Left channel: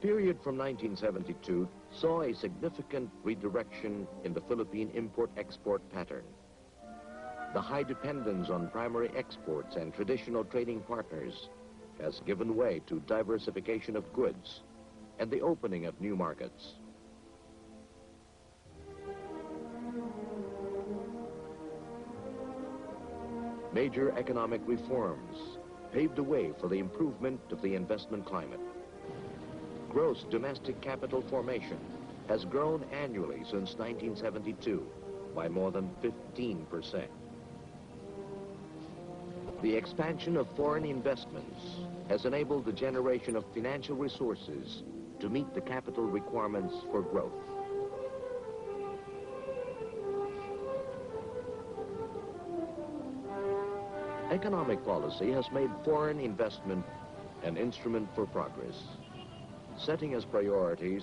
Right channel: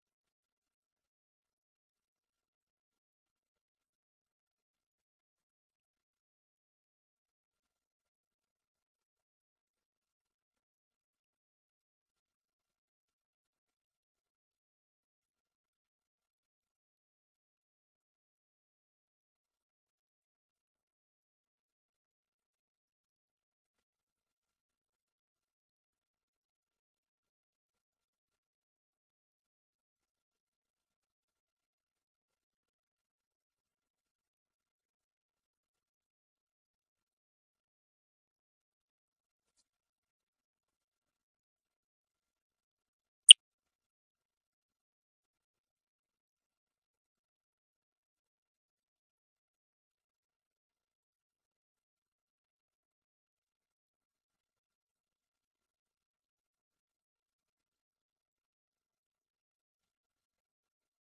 period from 1972 saw a significant redirection in the Philippine import-export pattern. The high dependence on primary exports and traditional trading partners has given way to diversification of goods and the opening of new markets. Major economic reforms paved the way for the improvement of the investment climate. Gross domestic capital formation has grown annually since 1972 by more than 15%. The expansion of foreign investments has enabled the generation of financial resources to meet the capital requirements for growth. Economic policy has made foreign investment an instrument for progress, setting as priorities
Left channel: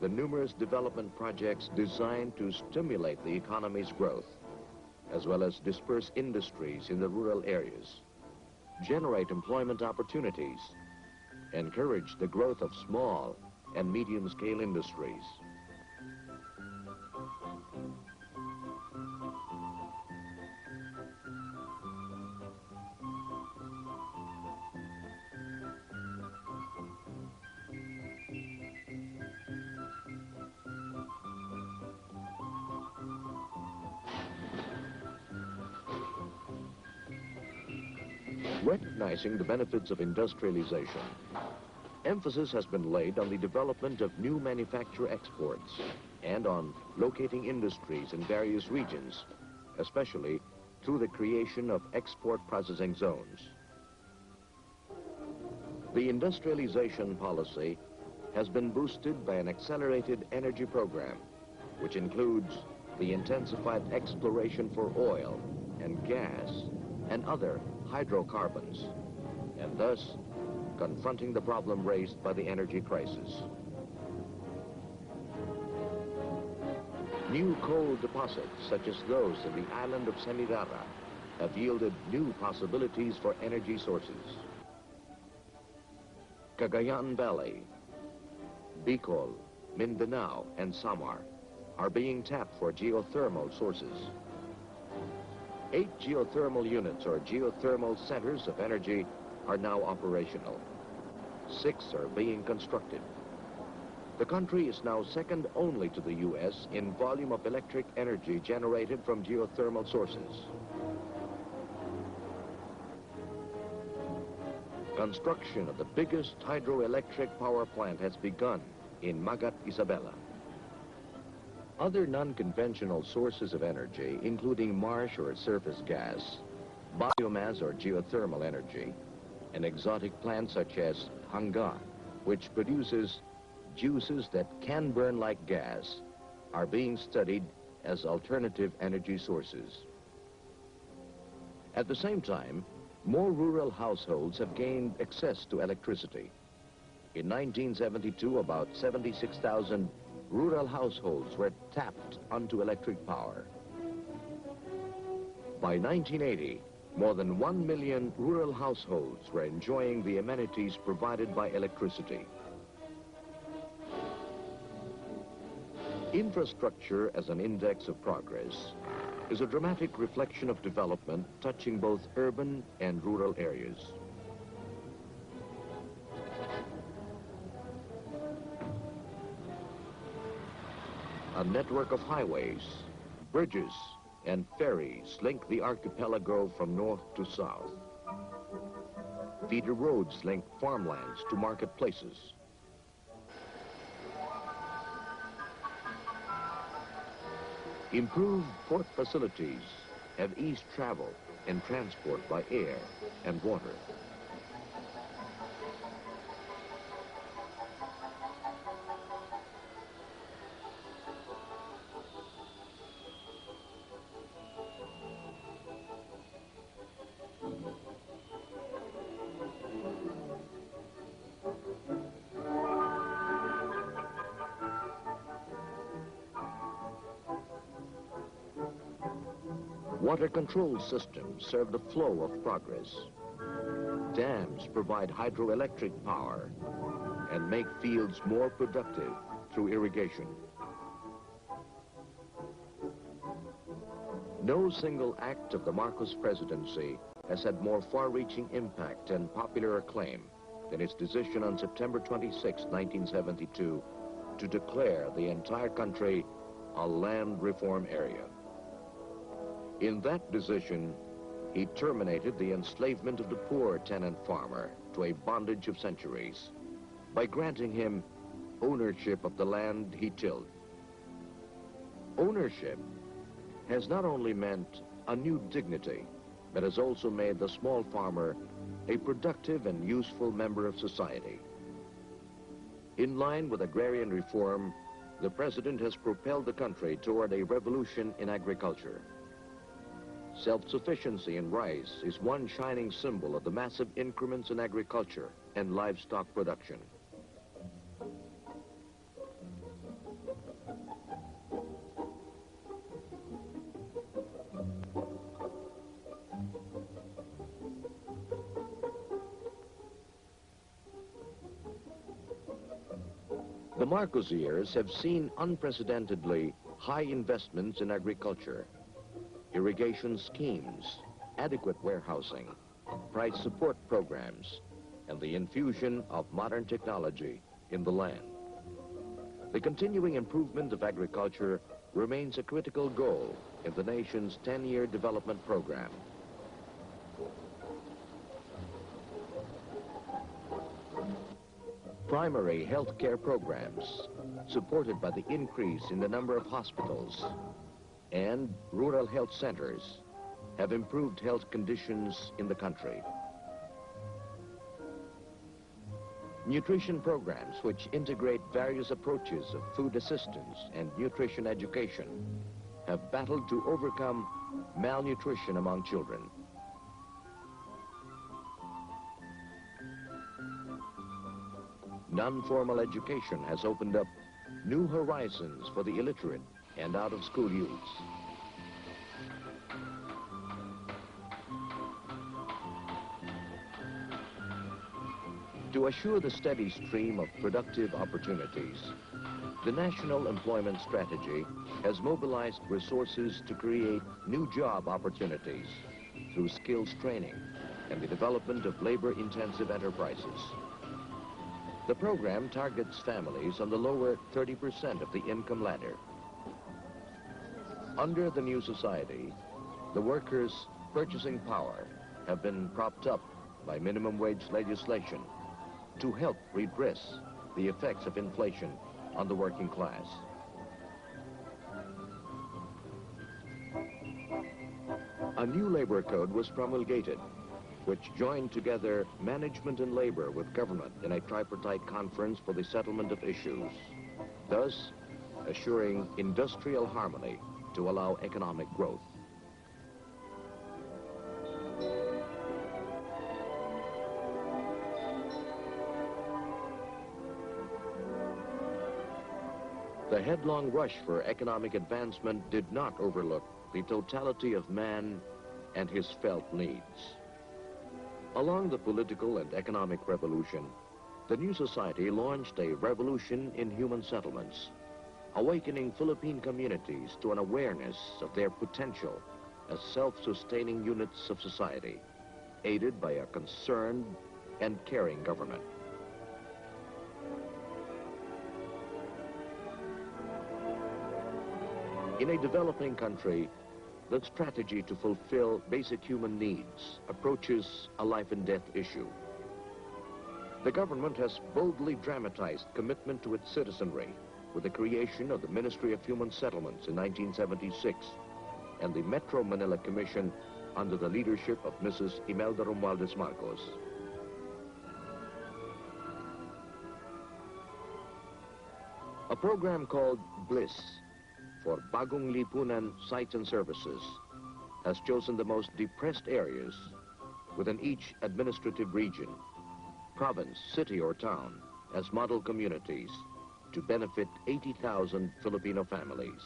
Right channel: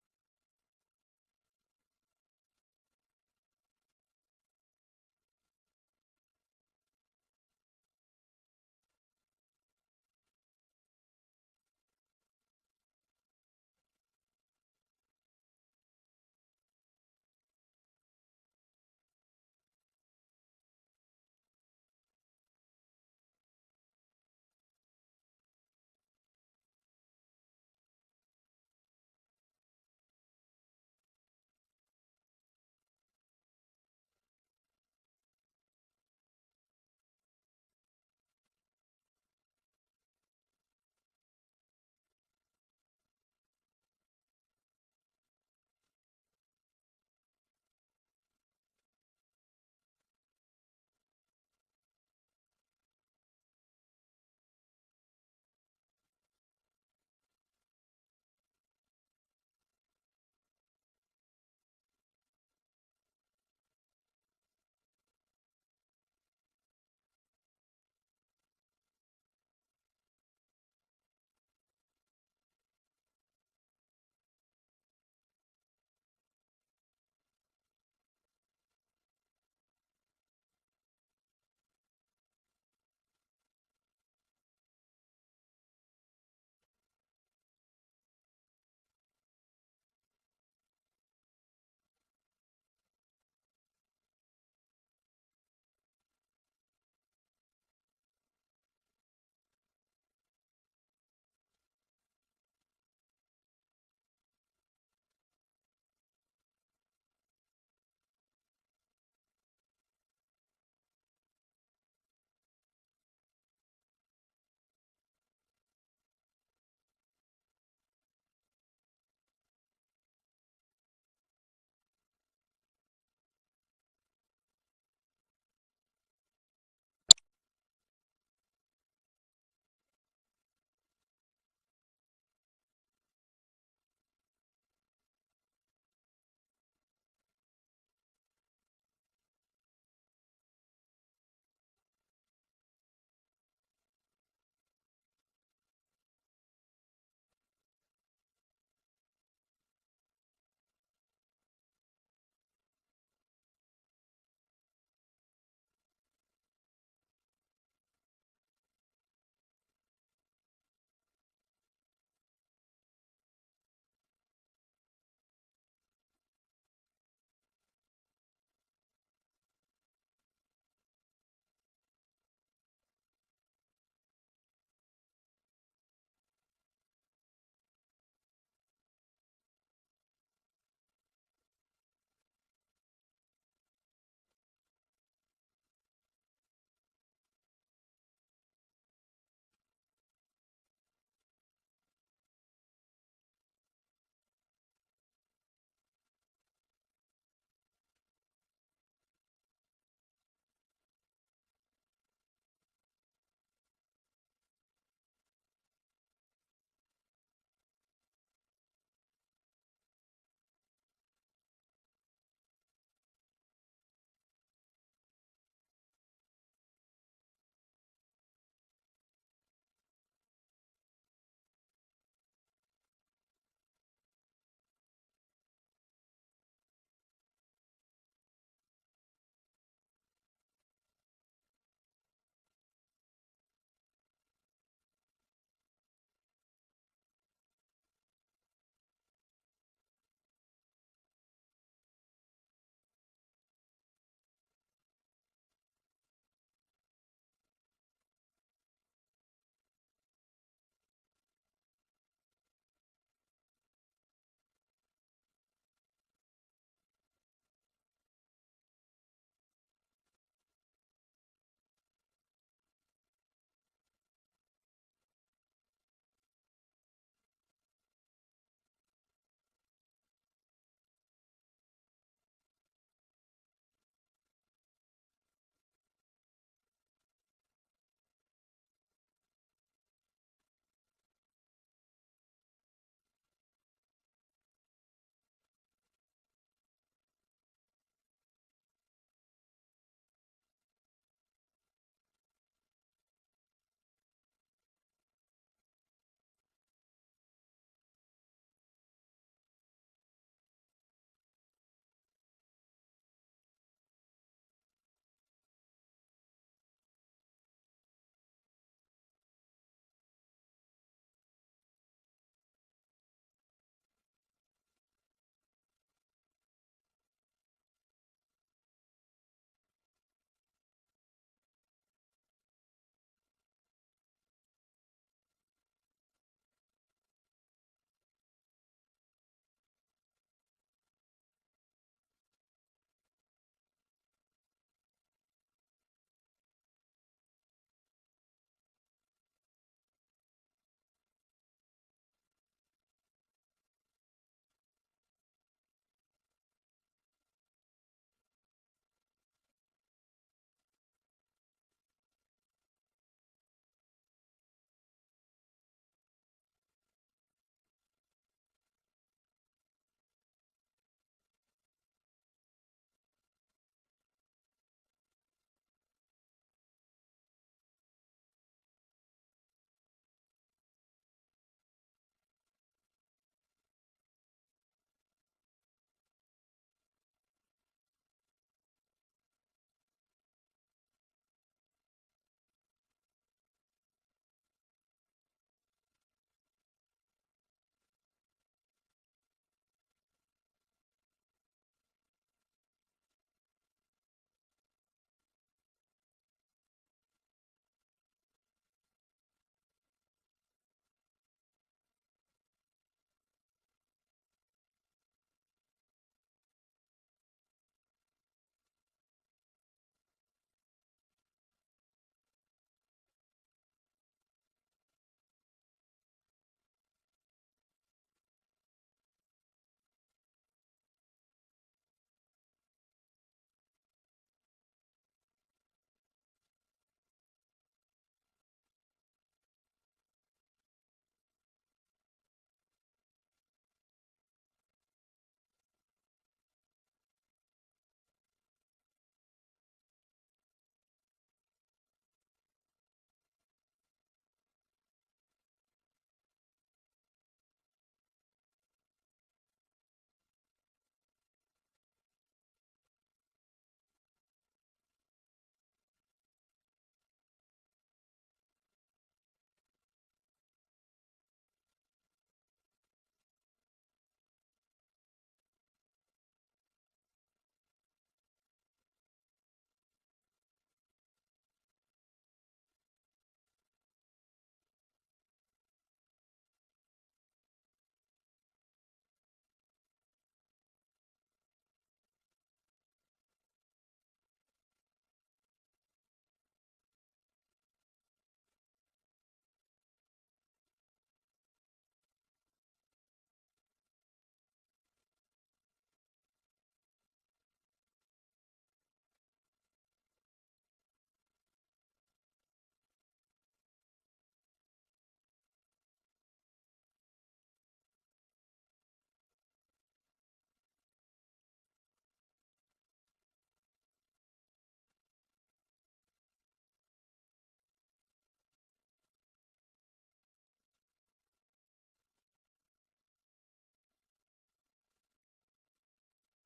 the numerous development projects designed to stimulate the economy's growth, as well as disperse industries in the rural areas, generate employment opportunities, encourage the growth of small and medium-scale industries. Recognizing the benefits of industrialization, emphasis has been laid on the development of new manufacture exports and on locating industries in various regions, especially through the creation of export processing zones. The industrialization policy has been boosted by an accelerated energy program, which includes the intensified exploration for oil and gas and other hydrocarbons, and thus confronting the problem raised by the energy crisis. New coal deposits, such as those in the island of Semirara, have yielded new possibilities for energy sources. Cagayan Valley, Bicol, Mindanao, and Samar are being tapped for geothermal sources. 8 geothermal units, or geothermal centers of energy, are now operational. 6 are being constructed. The country is now second only to the U.S. in volume of electric energy generated from geothermal sources. Construction of the biggest hydroelectric power plant has begun in Magat, Isabela. Other non-conventional sources of energy, including marsh or surface gas, biomass or geothermal energy, and exotic plants such as hanga, which produces juices that can burn like gas, are being studied as alternative energy sources. At the same time, more rural households have gained access to electricity. In 1972, about 76,000 rural households were tapped onto electric power. By 1980, more than 1 million rural households were enjoying the amenities provided by electricity. Infrastructure as an index of progress is a dramatic reflection of development touching both urban and rural areas. A network of highways, bridges, and ferries link the archipelago from north to south. Feeder roads link farmlands to marketplaces. Improved port facilities have eased travel and transport by air and water. Water control systems serve the flow of progress. Dams provide hydroelectric power, and make fields more productive through irrigation. No single act of the Marcos presidency has had more far-reaching impact and popular acclaim than its decision on September 26, 1972, to declare the entire country a land reform area. In that decision, he terminated the enslavement of the poor tenant farmer to a bondage of centuries by granting him ownership of the land he tilled. Ownership has not only meant a new dignity, but has also made the small farmer a productive and useful member of society. In line with agrarian reform, the president has propelled the country toward a revolution in agriculture. Self-sufficiency in rice is one shining symbol of the massive increments in agriculture and livestock production. The Marcos years have seen unprecedentedly high investments in agriculture, irrigation schemes, adequate warehousing, price support programs, and the infusion of modern technology in the land. The continuing improvement of agriculture remains a critical goal in the nation's 10-year development program. Primary health care programs, supported by the increase in the number of hospitals, and rural health centers, have improved health conditions in the country. Nutrition programs, which integrate various approaches of food assistance and nutrition education, have battled to overcome malnutrition among children. Non-formal education has opened up new horizons for the illiterate and out-of-school youths. To assure the steady stream of productive opportunities, the National Employment Strategy has mobilized resources to create new job opportunities through skills training and the development of labor-intensive enterprises. The program targets families on the lower 30% of the income ladder. Under the new society, the workers' purchasing power have been propped up by minimum wage legislation to help redress the effects of inflation on the working class. A new labor code was promulgated, which joined together management and labor with government in a tripartite conference for the settlement of issues, thus assuring industrial harmony to allow economic growth. The headlong rush for economic advancement did not overlook the totality of man and his felt needs. Along the political and economic revolution, the new society launched a revolution in human settlements, awakening Philippine communities to an awareness of their potential as self-sustaining units of society, aided by a concerned and caring government. In a developing country, the strategy to fulfill basic human needs approaches a life and death issue. The government has boldly dramatized commitment to its citizenry with the creation of the Ministry of Human Settlements in 1976 and the Metro Manila Commission under the leadership of Mrs. Imelda Romualdez Marcos. A program called BLISS, for Bagong Lipunan Sites and Services, has chosen the most depressed areas within each administrative region, province, city, or town as model communities to benefit 80,000 Filipino families.